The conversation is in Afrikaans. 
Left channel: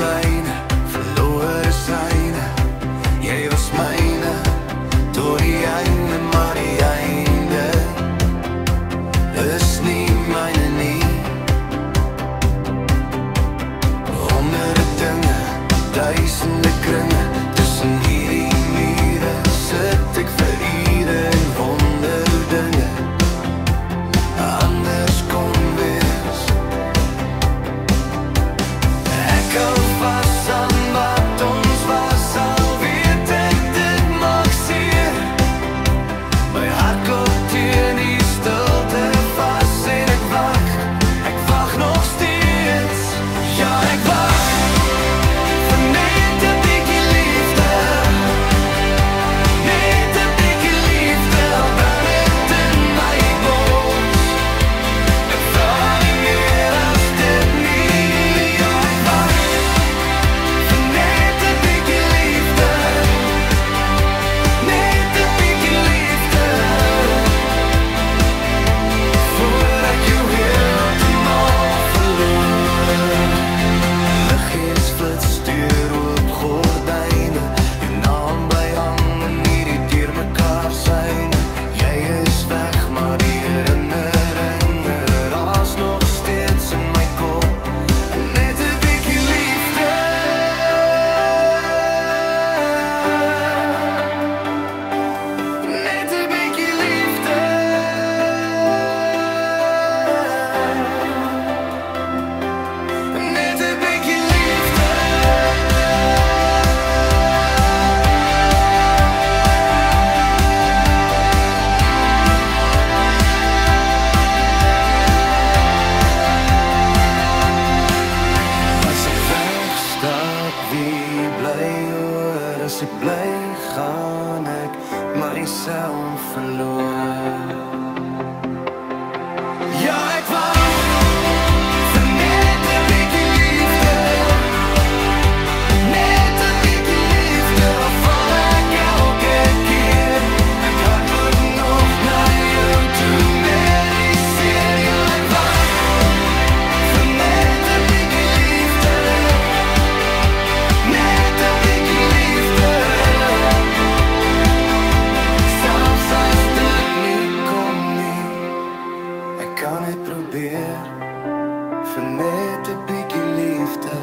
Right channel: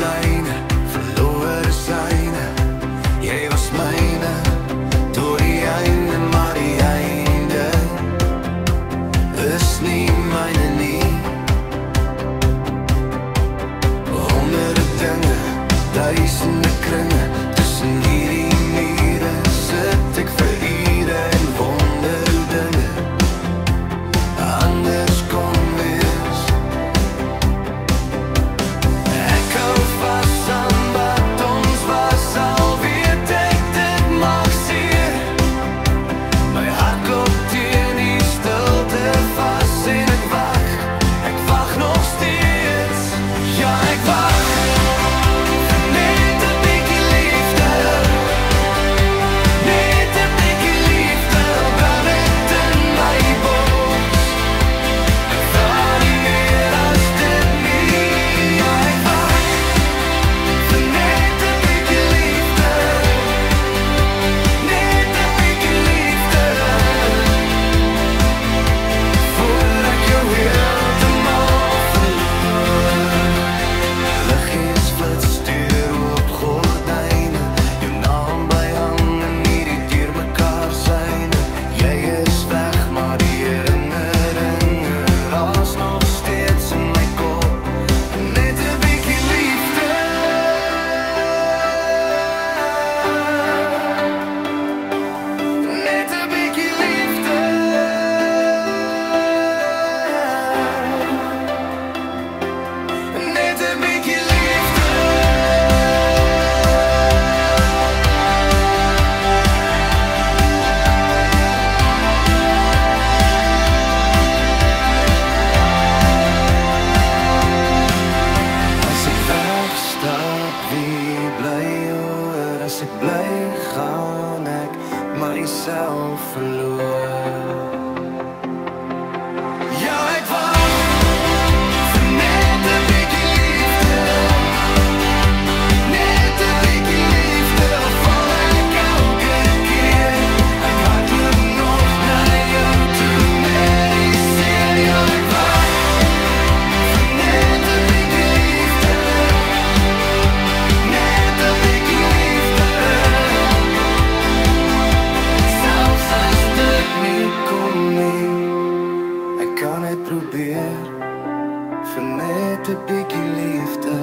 lyne, verlore syne. Jy was myne, tot die einde, maar die einde is nie myne nie. Honderde dinge, duisende kringe, tussen hierdie mure sit ek vir ure en wonder hoe dinge anders kon wees. Ek hou vas aan wat ons was, al weet ek dit maak seer. My hart klop teen die stilte vas en ek wag nog steeds. Ja, ek wag vir net 'n bietjie liefde, net 'n bietjie liefde, al brand het in my bors. Ek vra nie meer as dit nie. Ja, ek wag vir net 'n bietjie liefde, net 'n bietjie liefde, voor ek jou heeltemal verloor. Liggies flits deur oop gordyne, jou naam bly hang in hierdie deur mekaar syne. Jy is weg, maar die herinneringe raas nog steeds in my kop. Net 'n bietjie liefde, net 'n bietjie liefde, net 'n bietjie liefde. As ek wegstap, wie bly hoor? As ek bly, gaan ek myself verloor. Ja, ek wag vir net 'n bietjie liefde, net 'n bietjie liefde, al val ek elke keer. Ek hardloop nog na jou toe met die seer. Ja, ek wag vir net 'n bietjie liefde, net 'n bietjie liefde, selfs as dit nie kom nie. Ek kan het probeer vir net 'n bietjie liefde.